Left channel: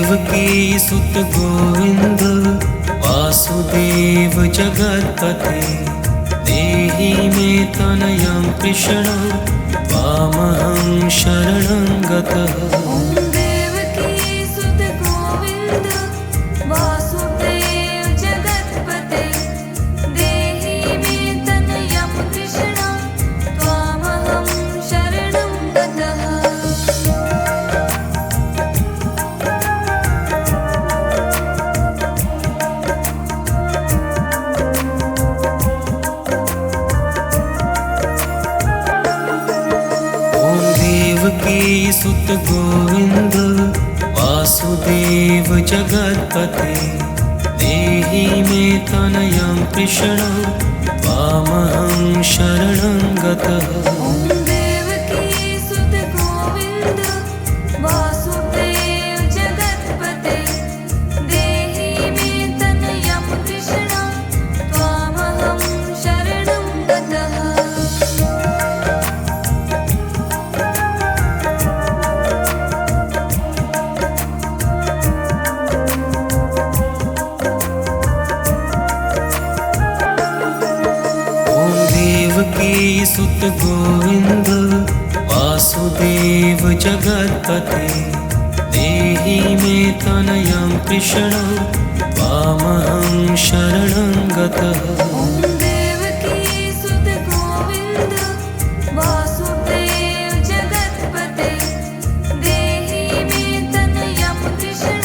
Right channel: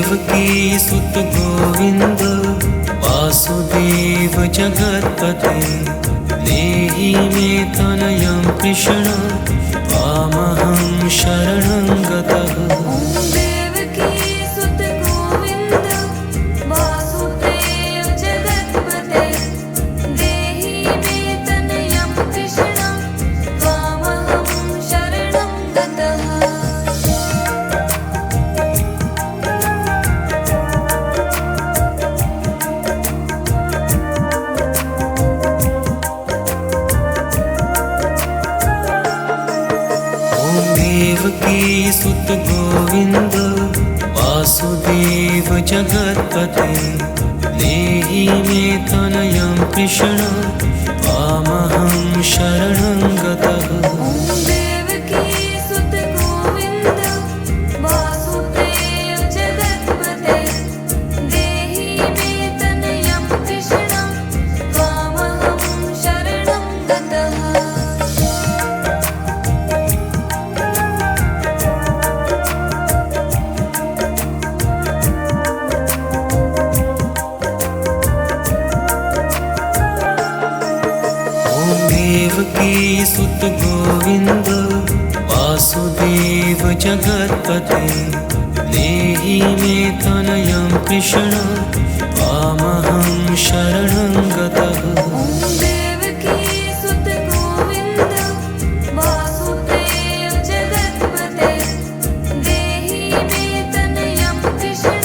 देवकी सुत गोविंद वासुदेव जगत्पते देहि मे तनयं कृष्ण त्वामहं शरणं गतः। देवकी सुत गोविंद वासुदेव जगत्पते देहि मे तनयं कृष्ण त्वामहं शरणं गतः। देवकी सुत गोविंद वासुदेव जगत्पते देहि मे तनयं कृष्ण त्वामहं शरणं गतः। देवकी सुत गोविंद वासुदेव जगत्पते देहि मे तनयं कृष्ण त्वामहं शरणं गतः। देवकी सुत गोविंद वासुदेव जगत्पते देहि मे तनयं कृष्ण त्वामहं शरणं गतः। देवकी सुत गोविंद वासुदेव जगत्पते देहि मे तनयं कृष्ण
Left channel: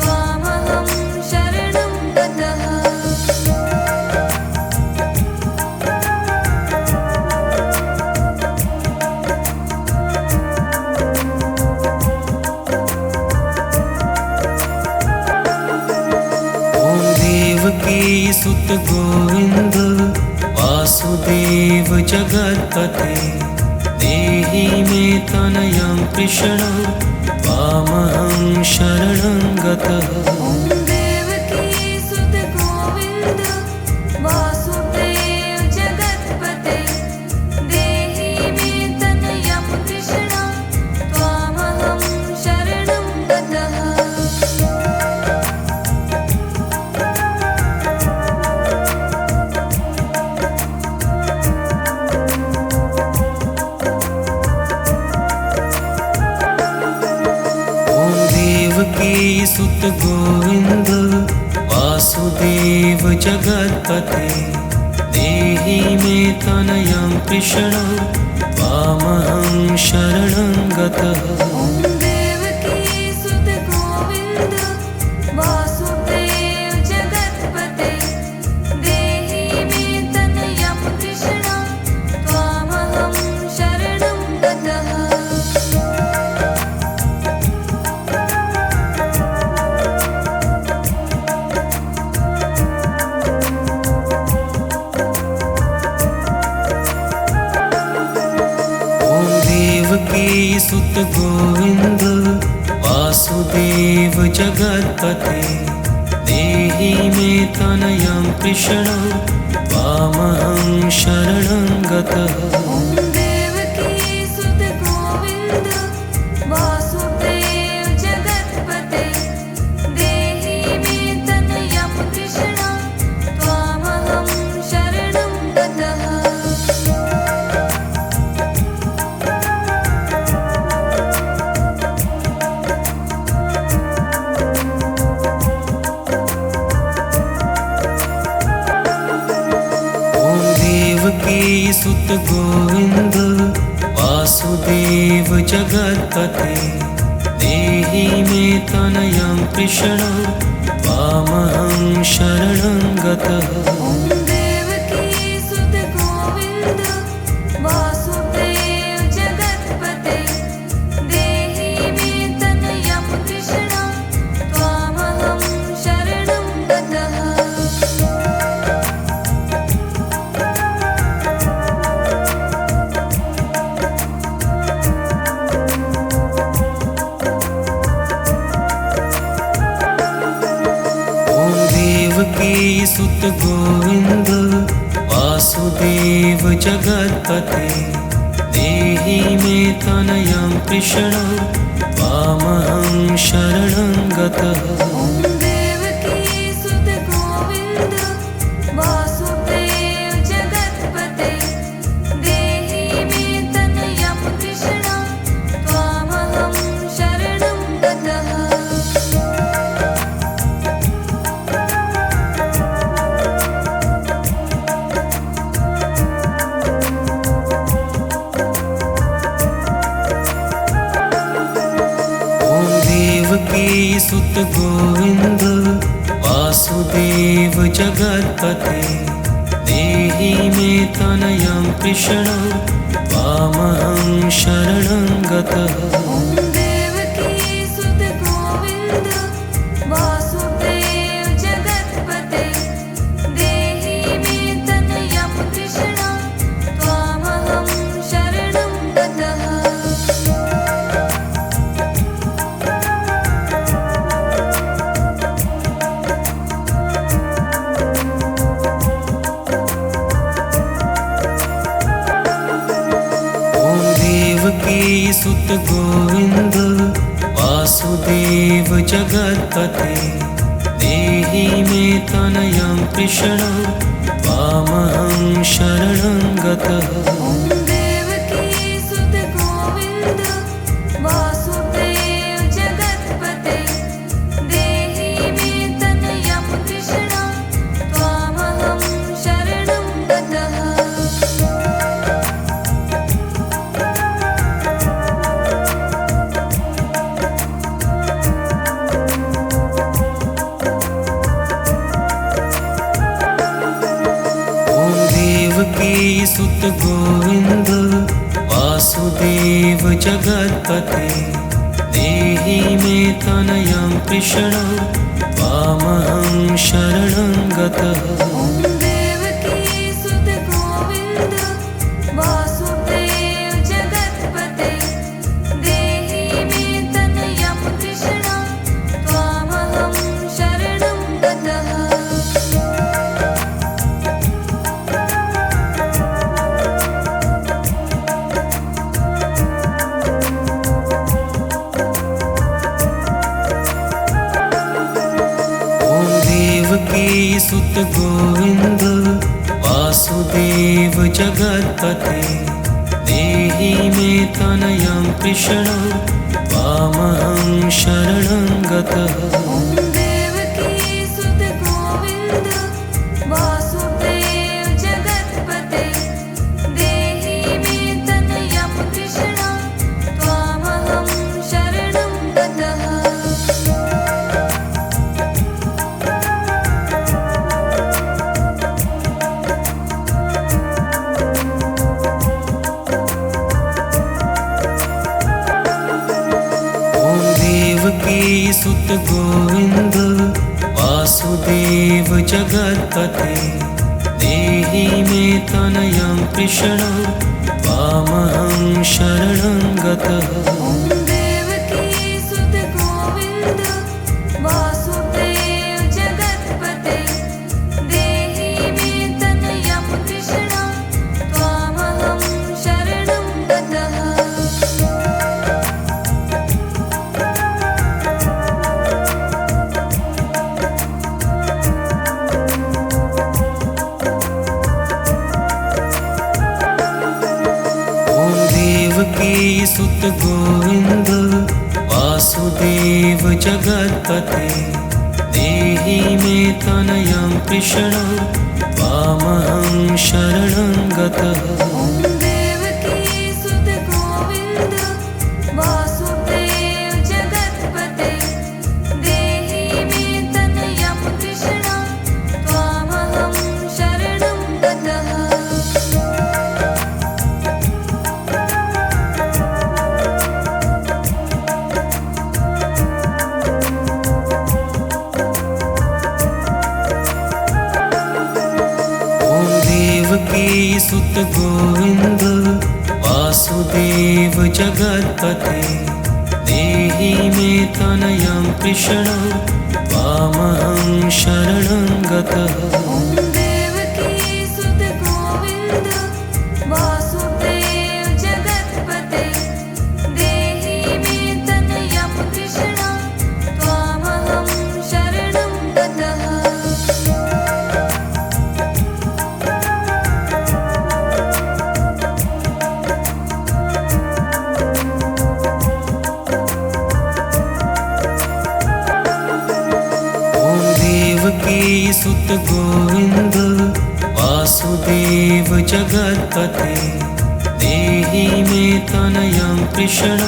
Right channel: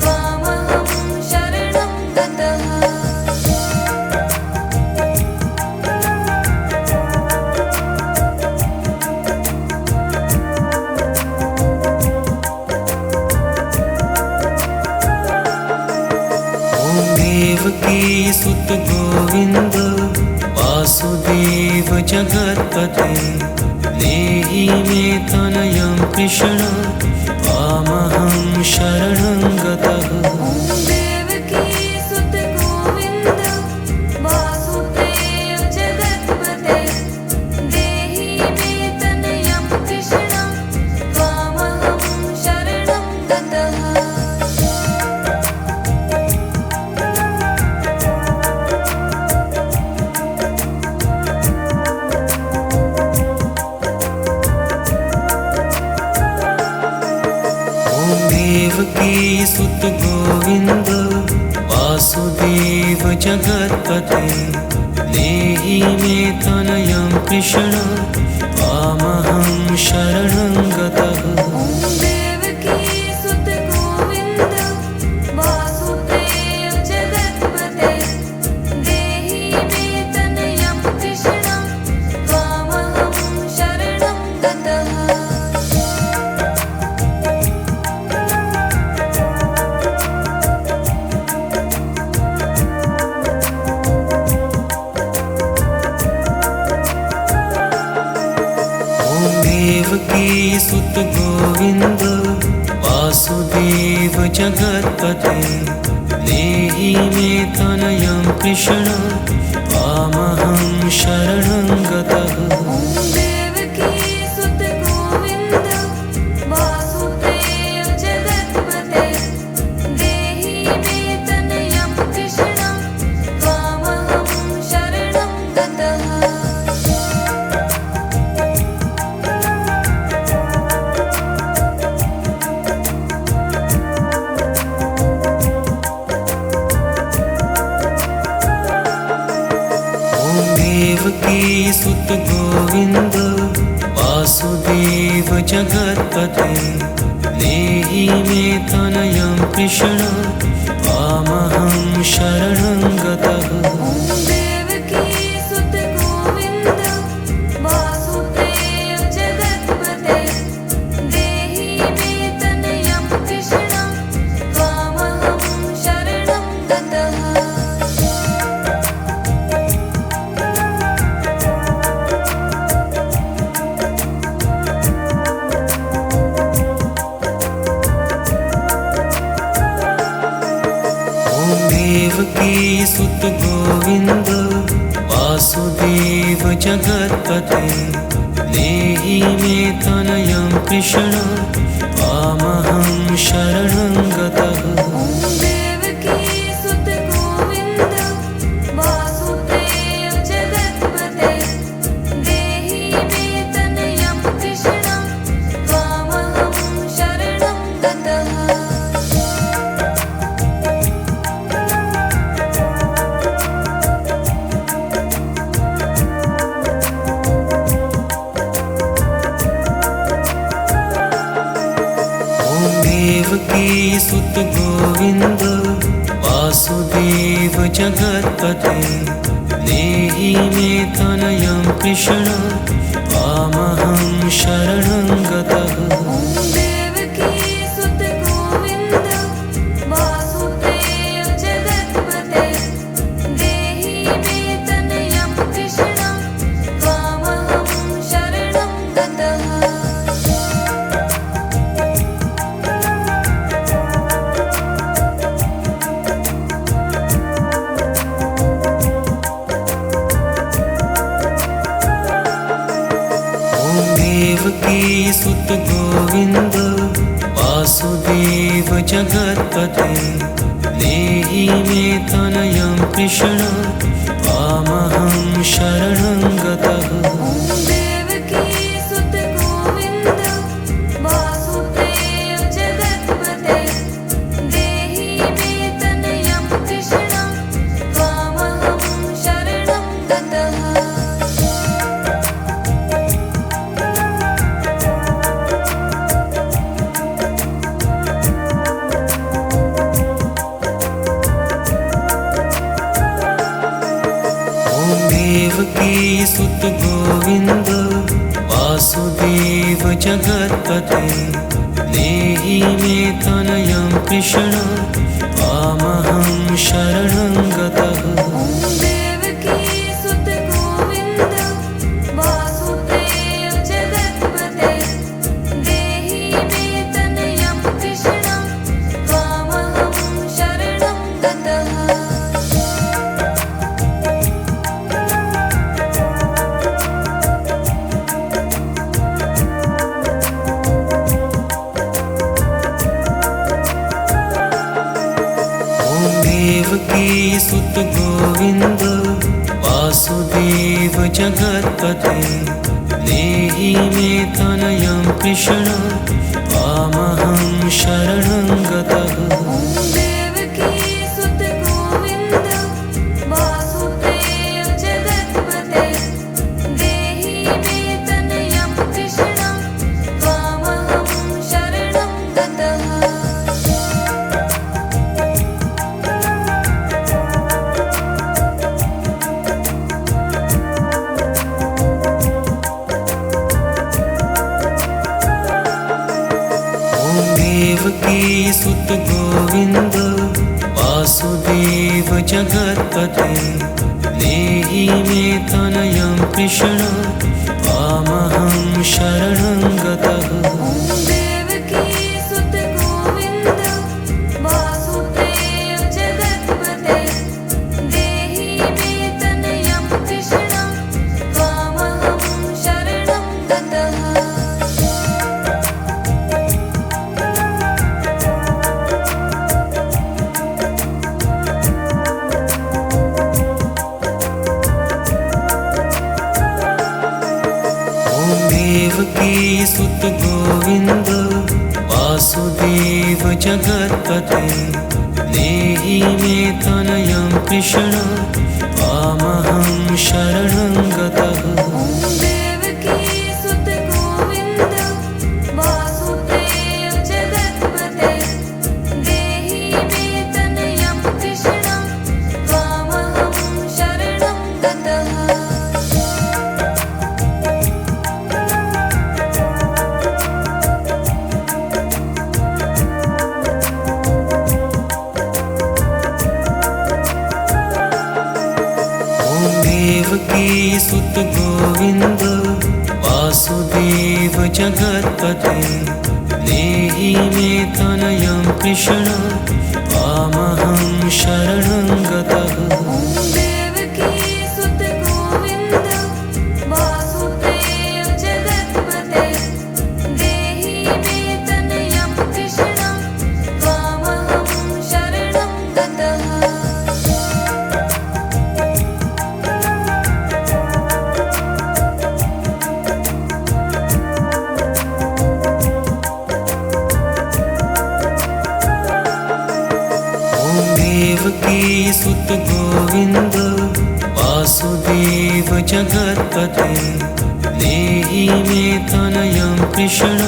त्वामहं शरणं गतः। देवकी सुत गोविंद वासुदेव जगत्पते देहि मे तनयं कृष्ण त्वामहं शरणं गतः। देवकी सुत गोविंद वासुदेव जगत्पते देहि मे तनयं कृष्ण त्वामहं शरणं गतः। देवकी सुत गोविंद वासुदेव जगत्पते देहि मे तनयं कृष्ण त्वामहं शरणं गतः। देवकी सुत गोविंद वासुदेव जगत्पते देहि मे तनयं कृष्ण त्वामहं शरणं गतः। देवकी सुत गोविंद वासुदेव जगत्पते देहि मे तनयं कृष्ण त्वामहं शरणं गतः। देवकी सुत गोविंद वासुदेव जगत्पते देहि मे तनयं कृष्ण त्वामहं शरणं गतः। देवकी सुत गोविंद वासुदेव जगत्पते देहि मे तनयं कृष्ण त्वामहं शरणं गतः। देवकी सुत गोविंद वासुदेव जगत्पते देहि मे तनयं कृष्ण त्वामहं शरणं गतः। देवकी सुत गोविंद वासुदेव जगत्पते देहि मे तनयं कृष्ण त्वामहं शरणं गतः। ॐ देवकी सुत गोविन्द वासुदेव जगत्पते देहि मे तनयं कृष्ण त्वामहं शरणं गतः। ॐ देवकी सुत गोविन्द वासुदेव जगत्पते देहि मे तनयं कृष्ण त्वामहं शरणं गतः। ॐ देवकी सुत गोविन्द वासुदेव जगत्पते देहि मे तनयं कृष्ण त्वामहं शरणं गतः। ॐ देवकी सुत गोविन्द वासुदेव जगत्पते देहि मे तनयं कृष्ण त्वामहं शरणं गतः। ॐ देवकी सुत गोविन्द वासुदेव जगत्पते देहि मे तनयं कृष्ण त्वामहं शरणं गतः। ॐ देवकी सुत गोविन्द वासुदेव जगत्पते देहि मे तनयं कृष्ण त्वामहं शरणं गतः। ॐ देवकी सुत गोविन्द वासुदेव जगत्पते देहि मे तनयं कृष्ण त्वामहं शरणं गतः। ॐ देवकी सुत गोविन्द वासुदेव जगत्पते देहि मे तनयं कृष्ण त्वामहं शरणं गतः। ॐ देवकी सुत गोविन्द वासुदेव जगत्पते देहि मे तनयं कृष्ण त्वामहं शरणं गतः। ॐ देवकी सुत गोविन्द वासुदेव जगत्पते देहि मे तनयं कृष्ण त्वामहं शरणं गतः। ॐ देवकी सुत गोविन्द वासुदेव जगत्पते देहि मे तनयं कृष्ण त्वामहं शरणं गतः। ॐ देवकी सुत गोविन्द वासुदेव जगत्पते देहि मे तनयं कृष्ण त्वामहं शरणं गतः। ॐ देवकी सुत गोविन्द वासुदेव जगत्पते देहि मे तनयं कृष्ण त्वामहं शरणं गतः। ॐ देवकी सुत गोविन्द वासुदेव जगत्पते देहि मे तनयं कृष्ण त्वामहं शरणं गतः। ॐ देवकी सुत गोविन्द वासुदेव जगत्पते देहि मे तनयं कृष्ण देवकी सुत गोविंद वासुदेव जगत्पते देहि मे तनयं कृष्ण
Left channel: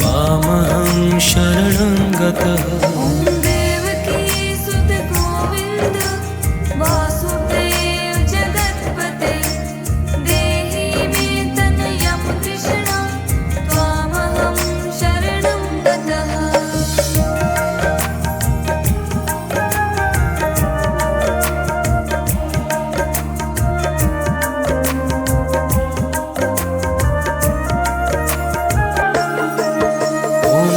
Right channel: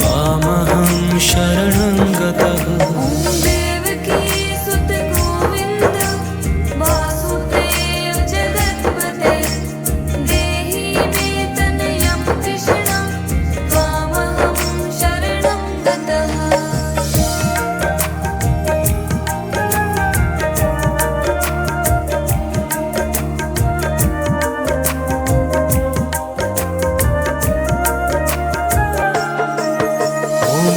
त्वामहं शरणं गतः। ॐ देवकी सुत गोविंद वासुदेव जगत्पते देहि मे तनयं कृष्ण त्वामहं शरणं गतः।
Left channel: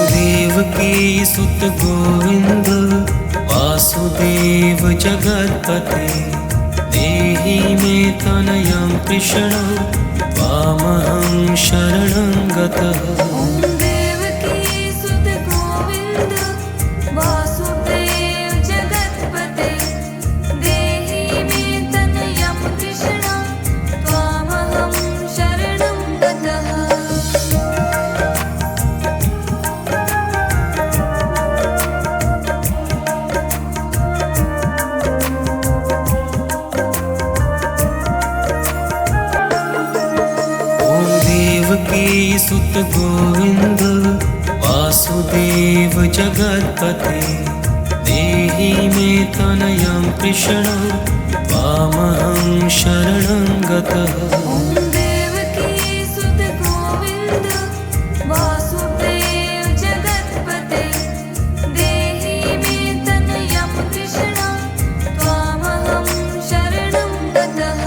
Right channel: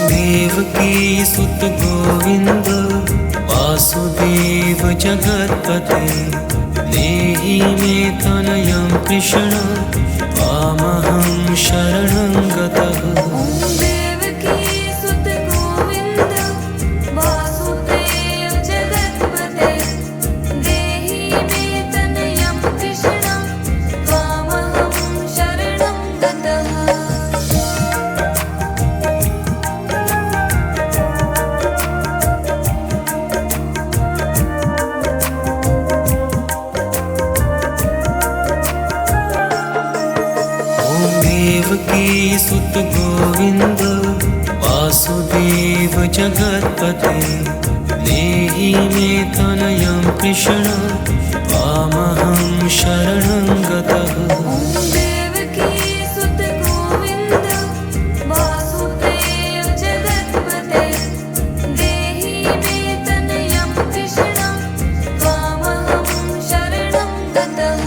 देवकी सुत गोविंद वासुदेव जगत्पते देहि मे तनयं कृष्ण त्वामहं शरणं गतः। ॐ देवकी सुत गोविंद वासुदेव जगत्पते देहि मे तनयं कृष्ण त्वामहं शरणं गतः। देवकी सुत गोविंद वासुदेव जगत्पते देहि मे तनयं कृष्ण त्वामहं शरणं गतः। ॐ देवकी सुत गोविंद वासुदेव जगत्पते देहि मे तनयं कृष्ण त्वामहं शरणं गतः।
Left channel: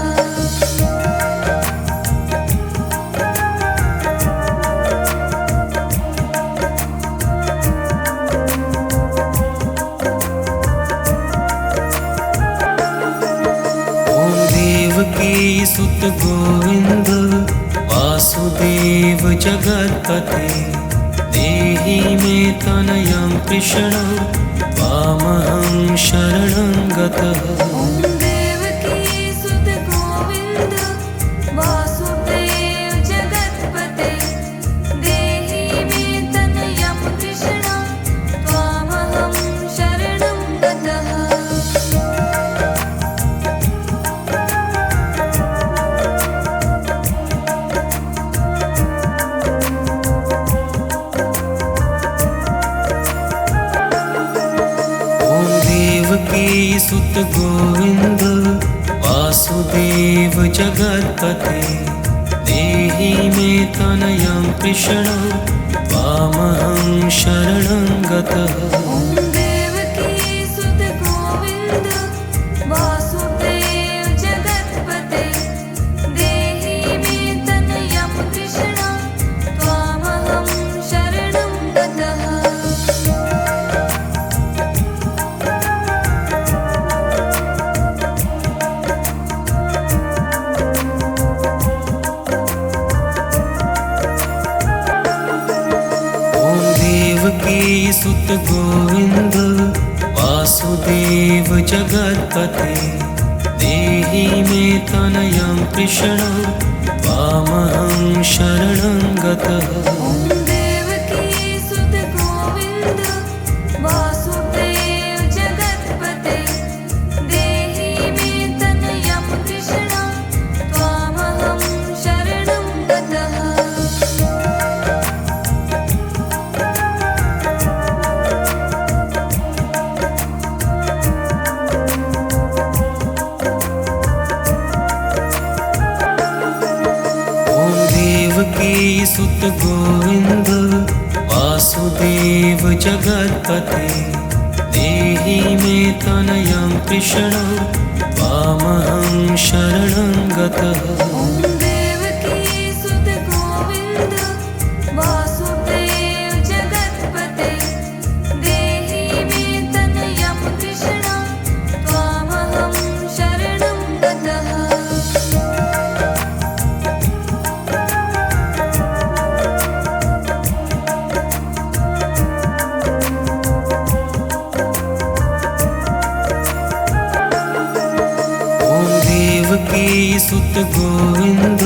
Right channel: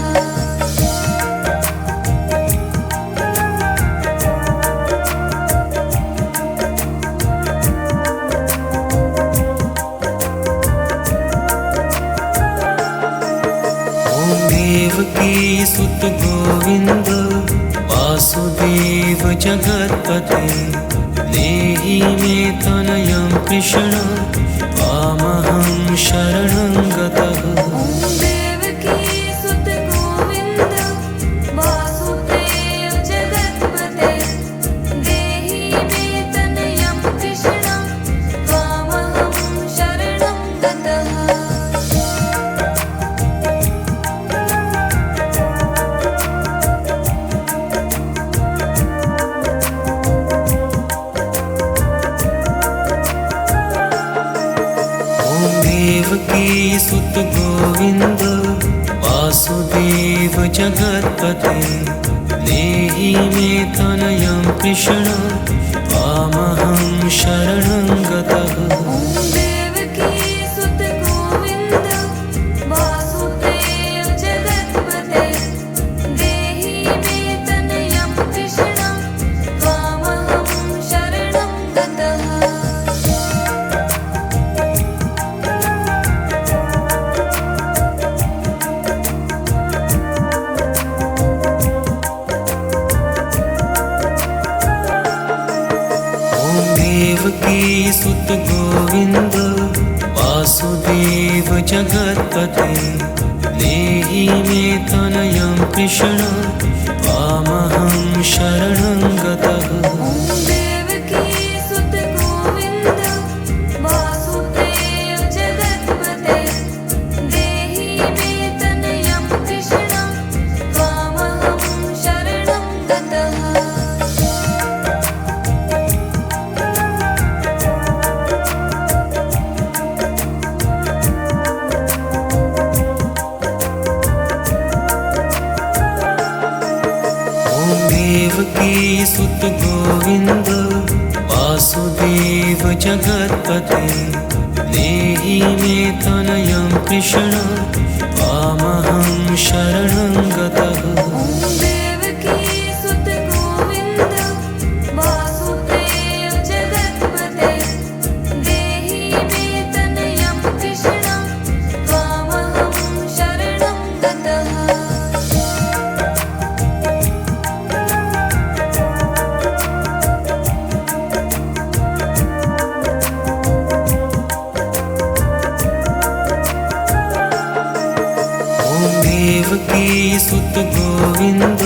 देवकी सुत गोविंद वासुदेव जगत्पते देहि मे तनयं कृष्ण त्वामहं शरणं गतः। ॐ देवकी सुत गोविंद वासुदेव जगत्पते देहि मे तनयं कृष्ण त्वामहं शरणं गतः। देवकी सुत गोविंद वासुदेव जगत्पते देहि मे तनयं कृष्ण त्वामहं शरणं गतः। ॐ देवकी सुत गोविंद वासुदेव जगत्पते देहि मे तनयं कृष्ण त्वामहं शरणं गतः। देवकी सुत गोविंद वासुदेव जगत्पते देहि मे तनयं कृष्ण त्वामहं शरणं गतः। ॐ देवकी सुत गोविंद वासुदेव जगत्पते देहि मे तनयं कृष्ण त्वामहं शरणं गतः। देवकी सुत गोविंद वासुदेव जगत्पते देहि मे तनयं कृष्ण त्वामहं शरणं गतः। ॐ देवकी सुत गोविंद वासुदेव जगत्पते देहि मे तनयं कृष्ण त्वामहं शरणं गतः। देवकी सुत गोविंद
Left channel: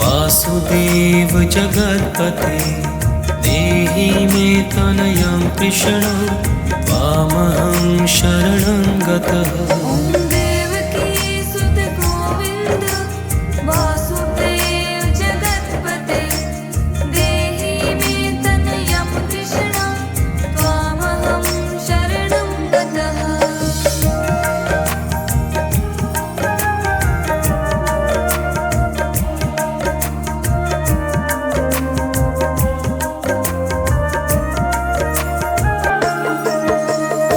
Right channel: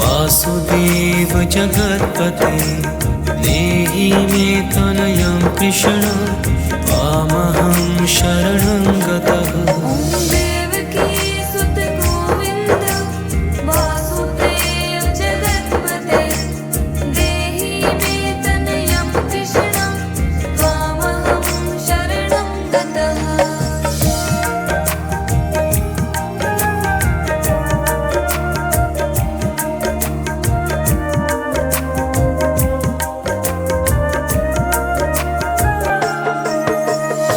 वासुदेव जगत्पते देहि मे तनयं कृष्ण त्वामहं शरणं गतः। ॐ देवकी सुत गोविन्द वासुदेव जगत्पते देहि मे तनयं कृष्ण त्वामहं शरणं गतः।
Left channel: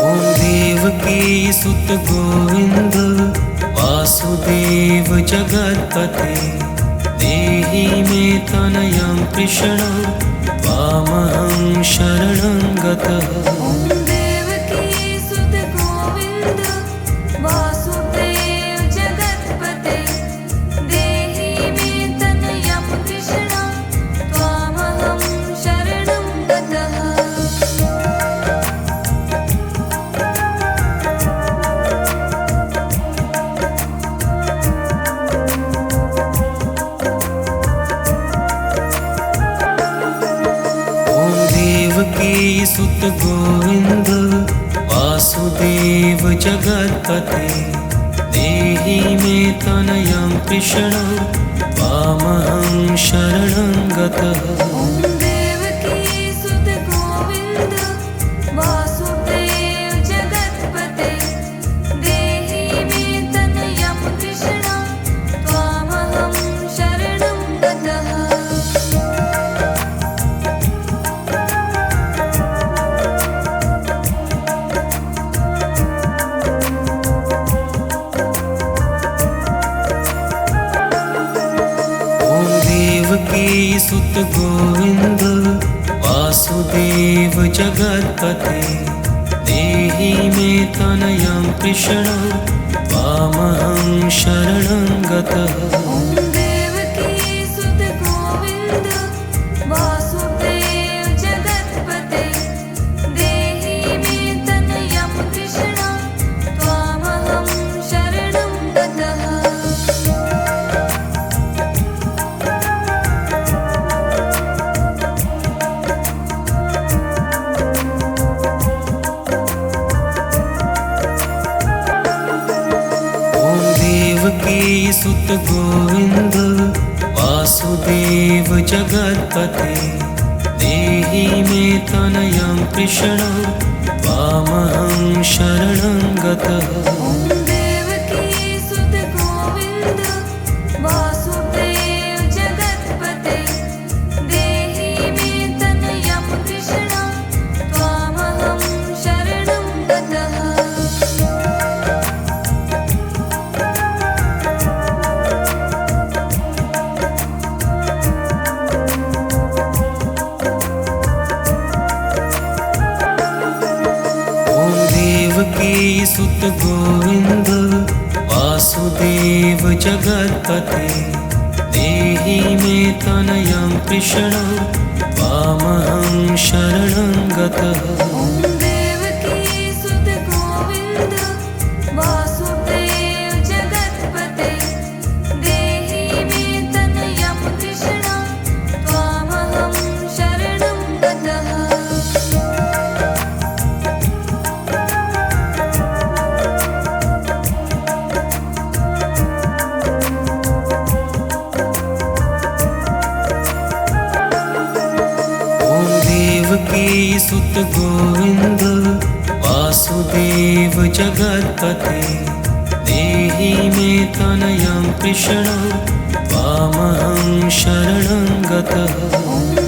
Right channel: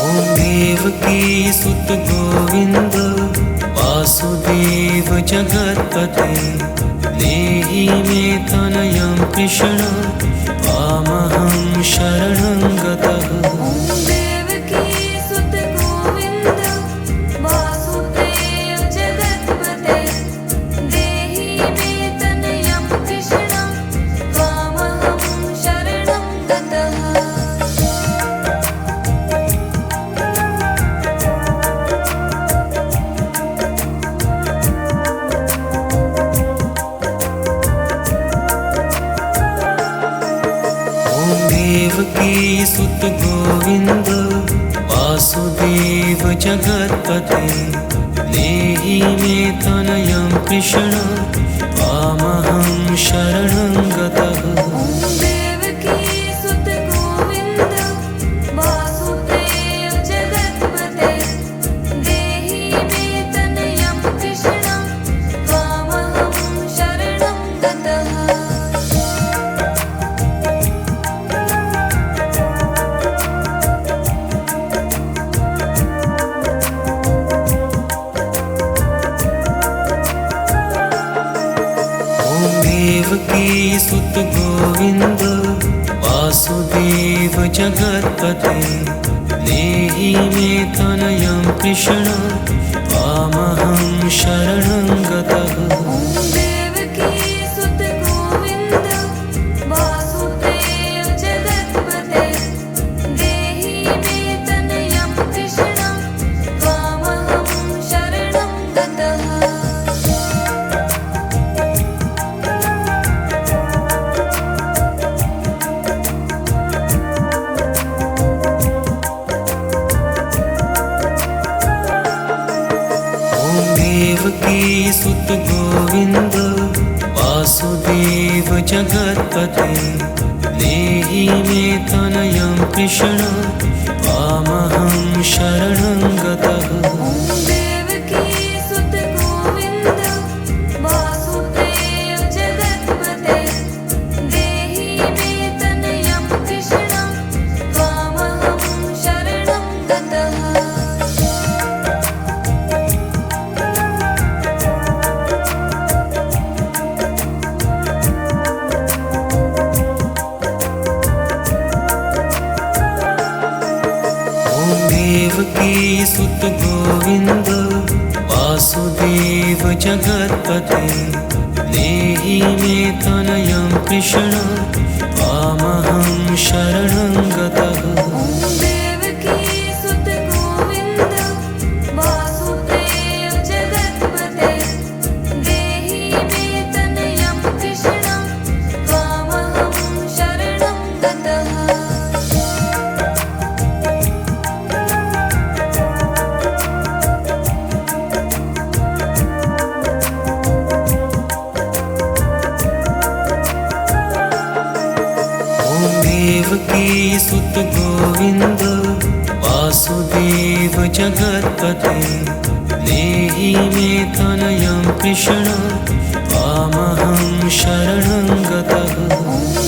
ॐ देवकी सुत गोविन्द वासुदेव जगत्पते देहि मे तनयं कृष्ण त्वामहं शरणं गतः। ॐ देवकी सुत गोविन्द वासुदेव जगत्पते देहि मे तनयं कृष्ण त्वामहं शरणं गतः। ॐ देवकी सुत गोविन्द वासुदेव जगत्पते देहि मे तनयं कृष्ण त्वामहं शरणं गतः। ॐ देवकी सुत गोविन्द वासुदेव जगत्पते देहि मे तनयं कृष्ण त्वामहं शरणं गतः। ॐ देवकी सुत गोविन्द वासुदेव जगत्पते देहि मे तनयं कृष्ण त्वामहं शरणं गतः। ॐ देवकी सुत गोविन्द वासुदेव जगत्पते देहि मे तनयं कृष्ण त्वामहं शरणं गतः। ॐ देवकी सुत गोविन्द वासुदेव जगत्पते देहि मे तनयं कृष्ण त्वामहं शरणं गतः। ॐ देवकी सुत गोविन्द वासुदेव जगत्पते देहि मे तनयं कृष्ण त्वामहं शरणं गतः। ॐ देवकी सुत गोविन्द वासुदेव जगत्पते देहि मे तनयं कृष्ण त्वामहं शरणं गतः। ॐ देवकी सुत गोविन्द वासुदेव जगत्पते देहि मे तनयं कृष्ण त्वामहं शरणं गतः। ॐ देवकी सुत गोविन्द वासुदेव जगत्पते देहि मे तनयं कृष्ण त्वामहं शरणं गतः। ॐ